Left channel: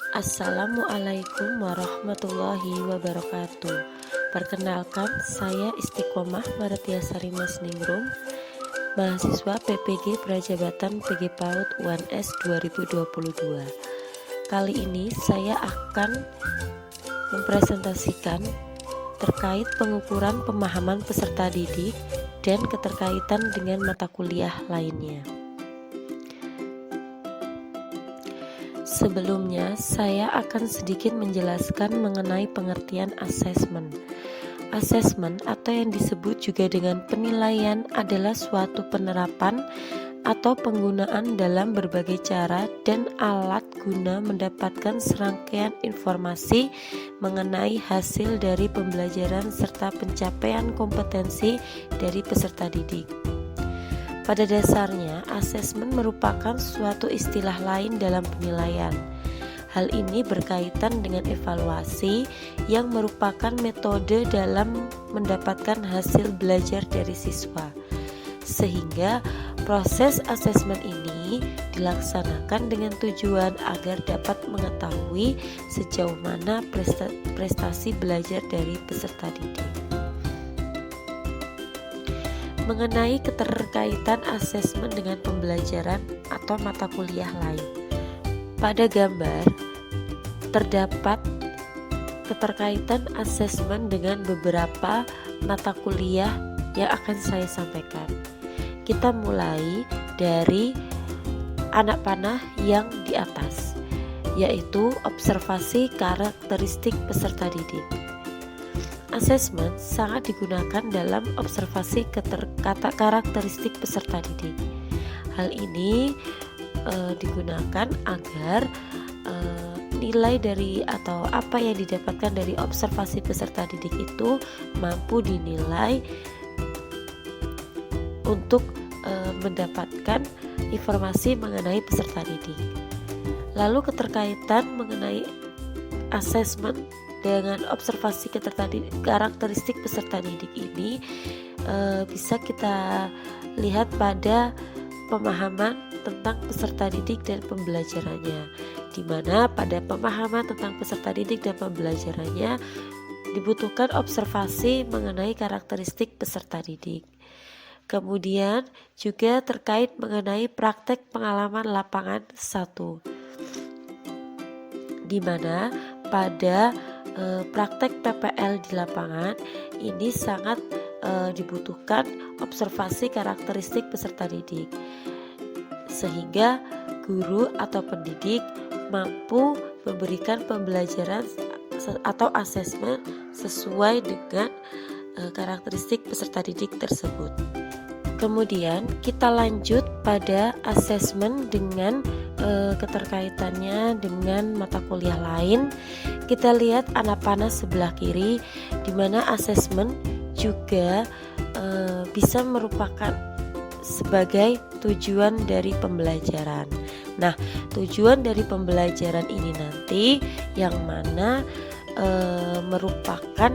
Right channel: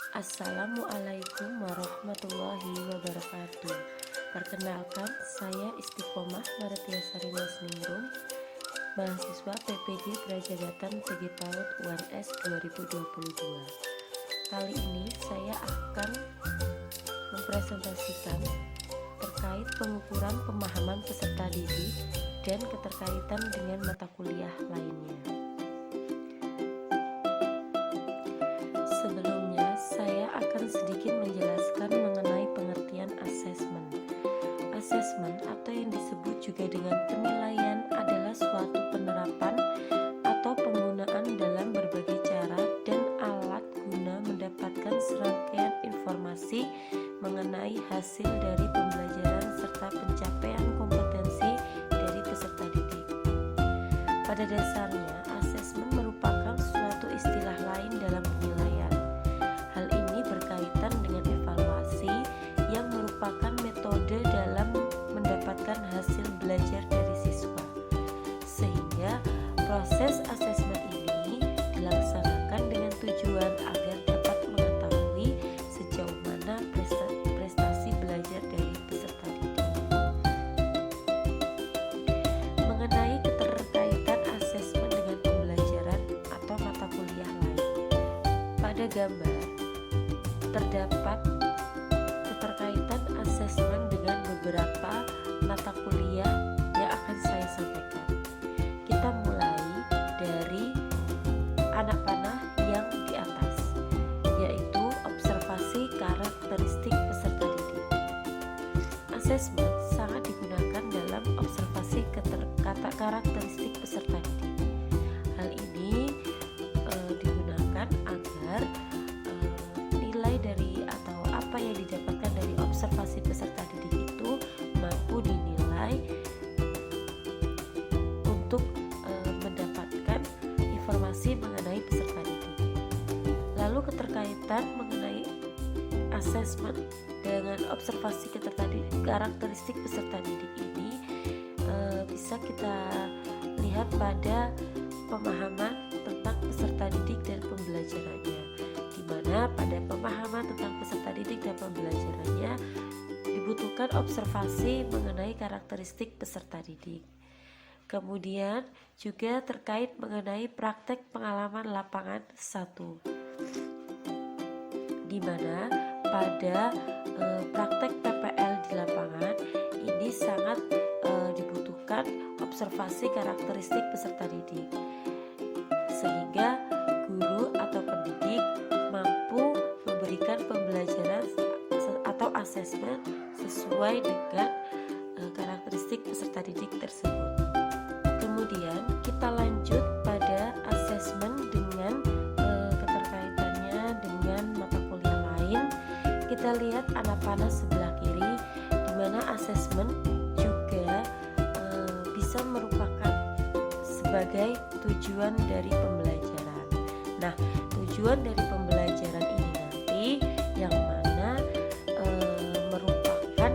Assalamualaikum warahmatullahi wabarakatuh. Perkenalkan, saya Istiqomah Martiasari Masningrum, mahasiswa PPG Prajabatan PG PAUD UNS 2022. Kali ini saya akan mempresentasikan terkait pengukuran pemahaman peserta didik dan keterkaitan dengan mata kuliah lainnya. Sebelumnya, saya akan sedikit menjelaskan mengenai pengertian asesmen. Asesmen atau yang disebut juga dengan penilaian adalah suatu penerapan atau penggunaan dalam berbagai cara dan alat guna mendapatkan serangkaian informasi mengenai hasil dari pembelajaran serta pencapaian kompetensi dari peserta didik. Pada dasarnya, asesmen merupakan suatu istilah lain dalam penilaian. Hal ini berkaitan dengan evaluasi yang merupakan metode dalam mendapatkan hasil belajar dari siswa. Sehingga proses asesmen ini dilaksanakan dengan tujuan agar dapat mengetahui sejauh mana prestasi belajar dari peserta didik. Mengenai keterkaitan asesmen dengan pembelajaran atau mata kuliah lain. Pada gambar terdapat keterkaitan asesmen dengan beberapa mata kuliah yang akan saya sampaikan. Kita mulai dari anak panah yang di atas, yaitu observasi karakteristik peserta didik. Asesmen sangat digunakan dalam observasi karakteristik peserta didik. Hal ini digunakan agar nilai dari atau apa yang didapatkan dari observasi peserta didik itu mampu dinilai untuk mendapatkan informasi mengenai peserta didik. Lalu keterkaitan mengenai asesmen dengan observasi karakteristik peserta didik ini bisa kita lihat pada pemahaman tentang peserta didik dan pembelajarannya, di mana pada pemahaman tentang peserta didik dan pembelajarannya dibutuhkan observasi mengenai karakteristik peserta didik. Kemudian juga terkait mengenai praktek pengalaman lapangan 1, di mana pada praktek PPL di lapangan ini sangat dibutuhkan observasi karakteristik peserta didik, sehingga guru atau pendidik mampu memberikan pembelajaran atau asesmen sesuai dengan karakteristik peserta didik tersebut. Kemudian kita lanjut pada asesmen dengan keterkaitannya dengan mata kuliah lain. Kita lihat anak panah sebelah kiri, di mana asesmen juga bisa merupakan sebagai tujuan dari pembelajaran. Nah, tujuan dari pembelajaran ini nanti yang mana merupakan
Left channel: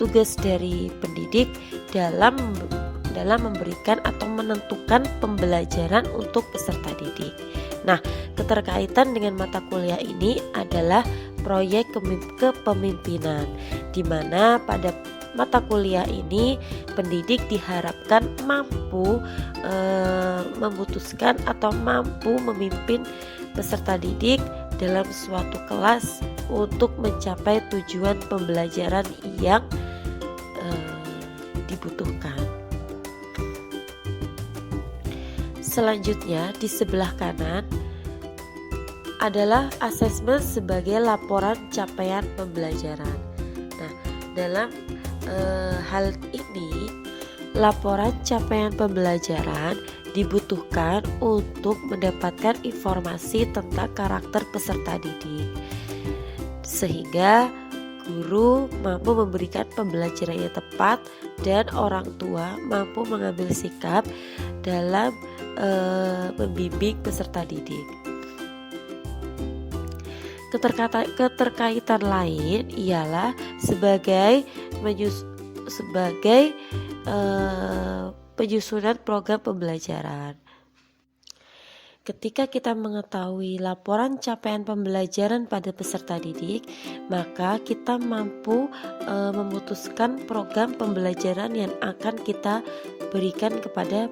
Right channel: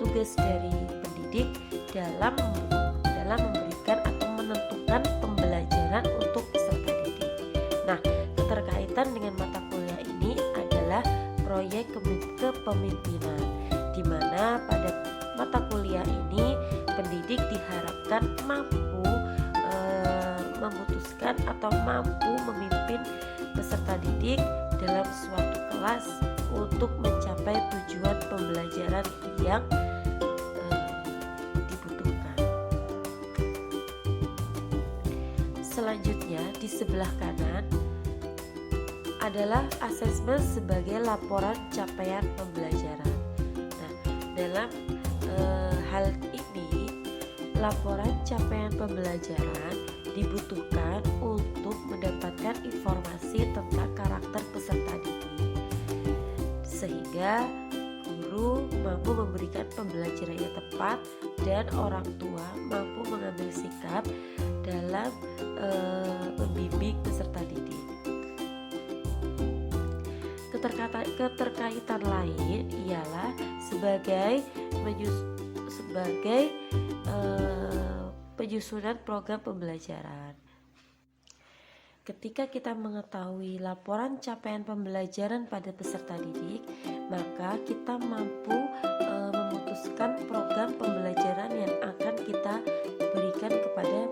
tugas dari pendidik dalam memberikan atau menentukan pembelajaran untuk peserta didik. Nah, keterkaitan dengan mata kuliah ini adalah proyek kepemimpinan, di mana pada mata kuliah ini pendidik diharapkan mampu memutuskan atau mampu memimpin peserta didik dalam suatu kelas untuk mencapai tujuan pembelajaran yang dibutuhkan. Selanjutnya di sebelah kanan adalah asesmen sebagai laporan capaian pembelajaran. Nah, dalam hal ini laporan capaian pembelajaran dibutuhkan untuk mendapatkan informasi tentang karakter peserta didik, sehingga guru mampu memberikan pembelajaran yang tepat dan orang tua mampu mengambil sikap dalam membimbing peserta didik. Keterkaitan lain ialah sebagai penyusunan program pembelajaran. Ketika kita mengetahui laporan capaian pembelajaran pada peserta didik, maka kita mampu memutuskan program pembelajaran yang akan kita berikan kepada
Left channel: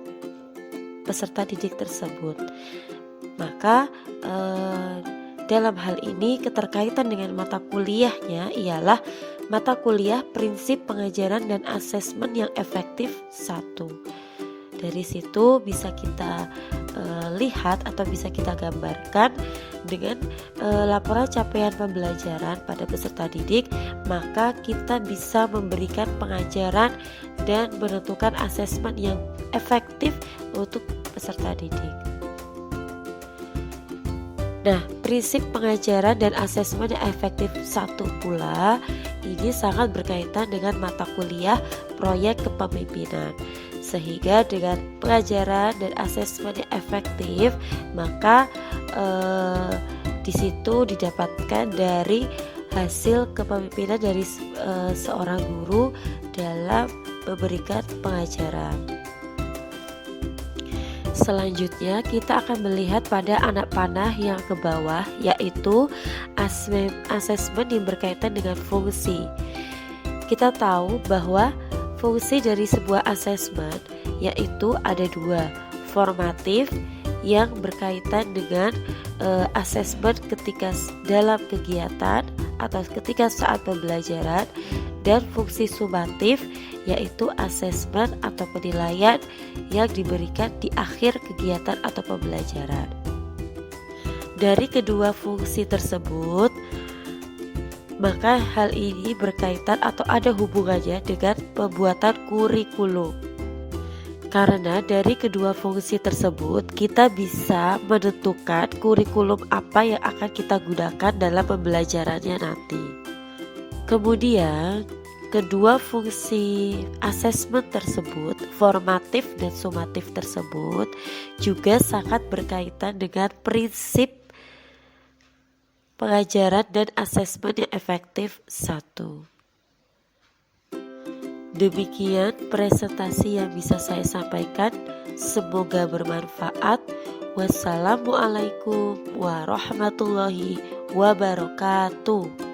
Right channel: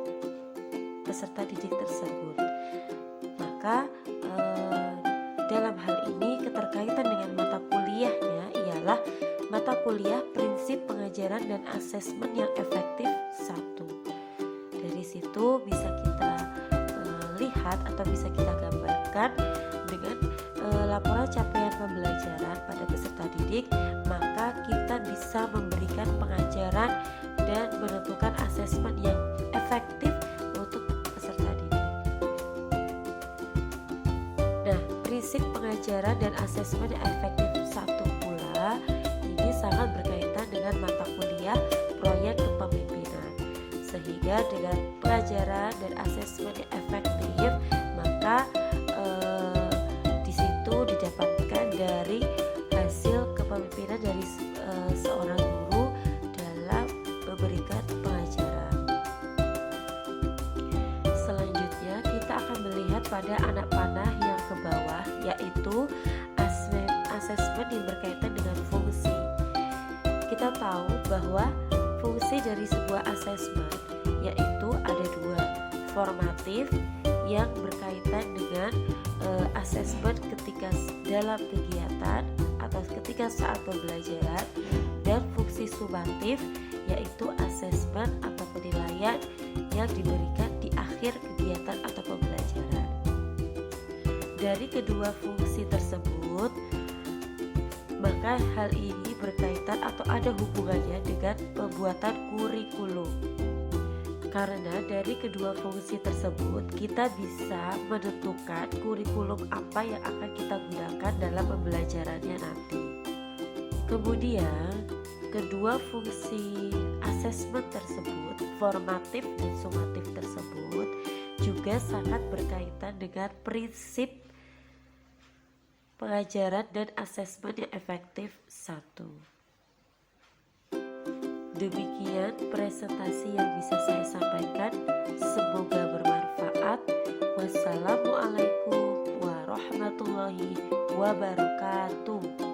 peserta didik tersebut. Maka dalam hal ini keterkaitan dengan mata kuliahnya ialah mata kuliah prinsip pengajaran dan asesmen yang efektif 1. Dari situ bisa kita lihat atau bisa kita gambarkan dengan laporan capaian pembelajaran pada peserta didik, maka kita bisa memberikan pengajaran dan menentukan asesmen yang efektif untuk peserta didik. Nah, prinsip pengajaran dan asesmen yang efektif 1 pula ini sangat berkaitan dengan mata kuliah proyek kepemimpinan. Sehingga dengan pengajaran dan asesmen yang efektif, maka di situ didapatkan dari hasil kepemimpinan dari seorang guru dalam memberikan pengajaran. Selanjutnya kita akan melihat pada anak panah yang ke bawah, yaitu asesmen yang berkaitan dengan fungsi. Kita tahu bahwa fungsi dari sebuah asesmen yaitu ada 2, formatif yang berkaitan dengan asesmen ketika dalam kegiatan atau ketika saat pembelajaran, dan fungsi sumatif yaitu asesmen atau penilaian yang diberikan di akhir kegiatan atau pembelajaran. Dari kedua fungsi tersebut, maka hal ini berkaitan atau ada hubungannya dengan pembuatan kurikulum. Karena dari kedua fungsi tersebut kita bisa menentukan kurikulum apa yang akan kita gunakan dalam pembelajarannya nanti. Kemudian kedua fungsi asesmen tersebut, formatif dan sumatif tersebut, juga sangat berkaitan dengan prinsip pengajaran dan asesmen yang efektif 1. Demikian presentasi yang bisa saya sampaikan. Semoga bermanfaat. Wassalamualaikum warahmatullahi wabarakatuh.